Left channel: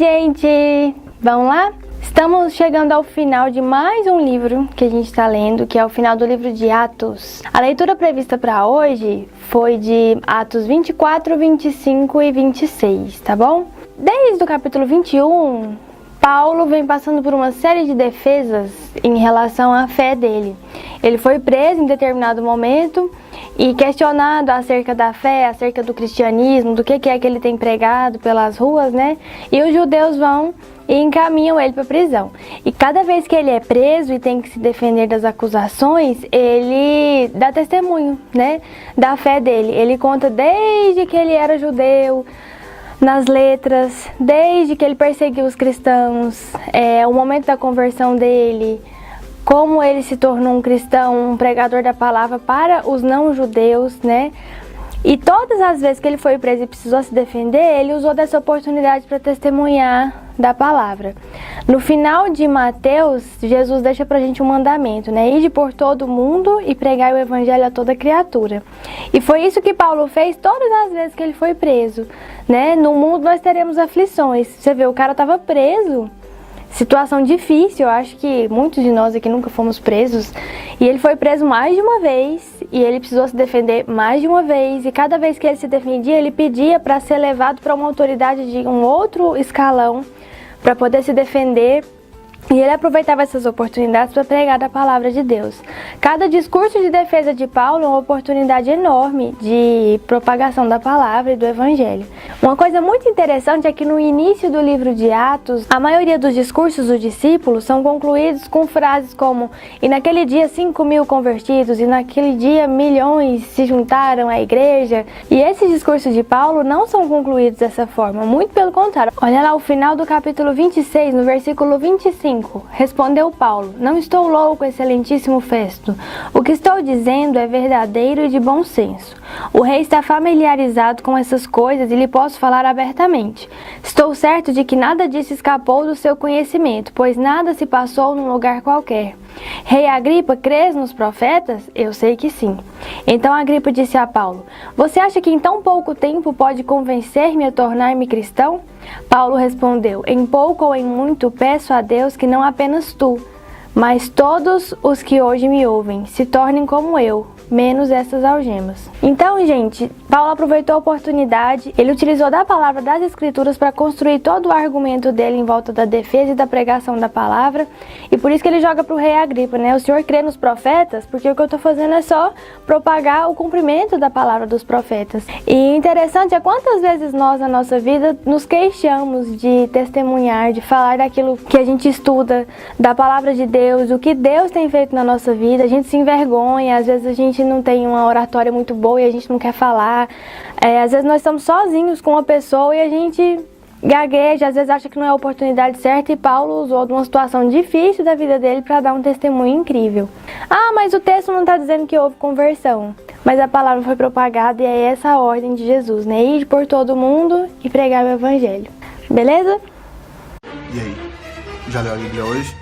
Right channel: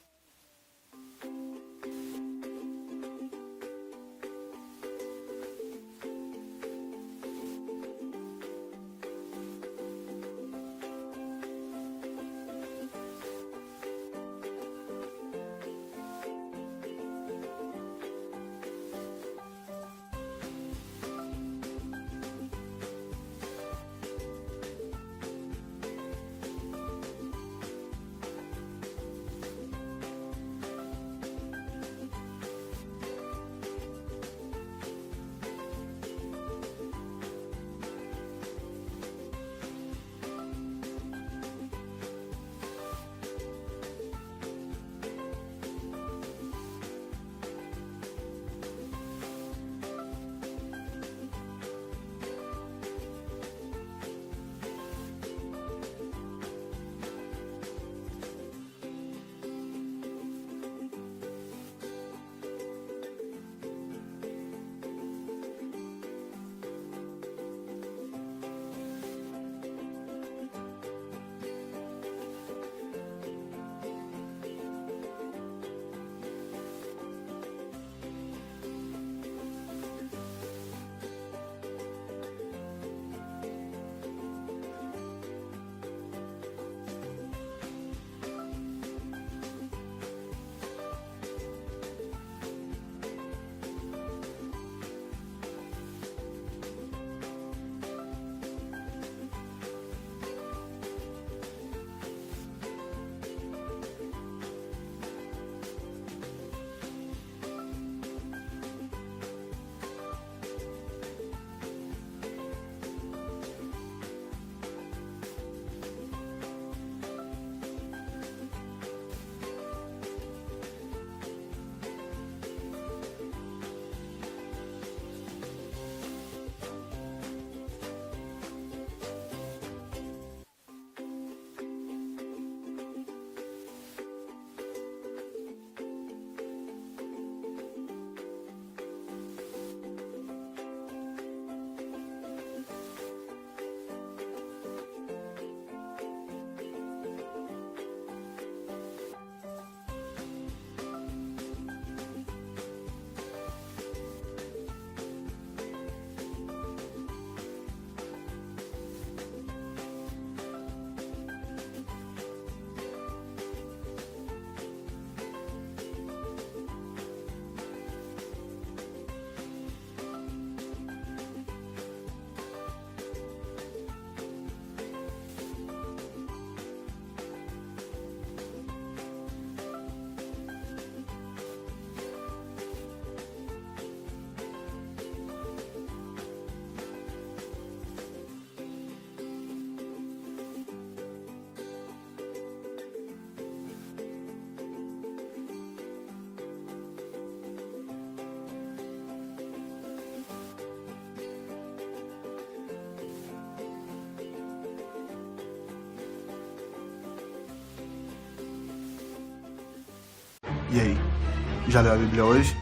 gente! Vamos lá? Estamos chegando ao final de mais um livro que a gente está lendo, que é o final do livro de Atos. A leitura prevista para hoje foi de Atos 24, 25 e 26, tá bom? Desde o capítulo 21, Paulo vem passando por uma série de defesas em relação à fé dele. Ele foi preso em determinado momento e questionado acerca da fé, acerca do cristianismo, do que é que ele tem pregado pelas ruas, né? E os judeus vão e encaminham ele para a prisão. E cada vez que ele é preso e tem que se defender das acusações, ele dá testemunho, né, da fé dele. Ele conta desde que ele era judeu, nas letras, desde que ele perseguiu os cristãos, o momento da conversão dele, como ele se tornou um cristão, um pregador da palavra para os não-judeus, né? E todas as vezes que ele foi preso e precisou se defender, ele usou dessa oportunidade para testemunhar da palavra. No final de Mateus, Jesus deixa pra gente um mandamento, né? Ide por todo mundo e pregai o evangelho a toda criatura. E foi isso que Paulo fez todas as vezes que ele foi preso, né? No mundo nós teremos aflições. Você vê, o cara estava preso. Situação difícil, eu acho que muitos de nós aqui nunca fomos presos. E ele foi preso mais de uma vez e ele precisou se defender mais de uma vez. E cada vez que ele se defendia, ele pedia para ser levado para uma autoridade de um outro escalão para poder se defender. E ele aproveitava essas oportunidades para pregar a palavra de Deus. Cada discurso de defesa de Paulo é uma oportunidade enorme de propagação da palavra e do evangelho. Uma coisa muito interessante é que no início do livro de Atos, a maioria dos discursos dos discípulos são concluídos com frases como: e naquele dia 5.000 convertidos, e naquele dia milhões se juntaram à igreja. E esses discursos de Paulo não são concluídos dessa forma, muito pelo contrário. Olha lá o final do capítulo 26, no versículo 25. Respondeu Paulo: não estou louco, excelentíssimo Festo. O que estou dizendo é verdadeiro e de bom senso. O rei está familiarizado com essas coisas e lhe posso falar abertamente. Estou certo de que nada disso escapou do seu conhecimento, pois nada se passou num lugar qualquer. Rei Agripa, crês nos profetas? Eu sei que sim. Então Agripa disse a Paulo: você acha que em tão pouco tempo pode convencer-me a tornar-me cristão? Paulo respondeu: em pouco ou em muito peço a Deus que não apenas tu, mas todos os que hoje me ouvem se tornem como eu, menos essas algemas. Então, gente, Paulo aproveitou a oportunidade, ele utilizou da palavra das escrituras para construir todo o argumento dele em volta da defesa e da pregação da palavra, e por isso que ele joga para o rei Agripa, né? O senhor crê nos profetas? Porque o que eu estou fazendo é só propagar o cumprimento da palavra dos profetas. E interessante é quantas vezes nós na nossa vida nos queixamos de testemunhar, de falar daquilo que a gente estuda, da palavra de Deus, o que Deus tem feito na nossa vida. A gente se envergonha, às vezes a gente não tem uma oratória muito boa e a gente não quer falar. Às vezes nós estamos sozinhos com uma pessoa e a gente gagueja, às vezes acha que não é a oportunidade certa, e Paulo usou de uma situação difícil da vida dele para dar um testemunho incrível. Ah, mas o texto não está dizendo que houve conversão, mas a palavra foi propagada e é essa a ordem de Jesus, né? Ir por todo mundo e pregar o evangelho. Beleza? E aí, já leu a Bíblia hoje?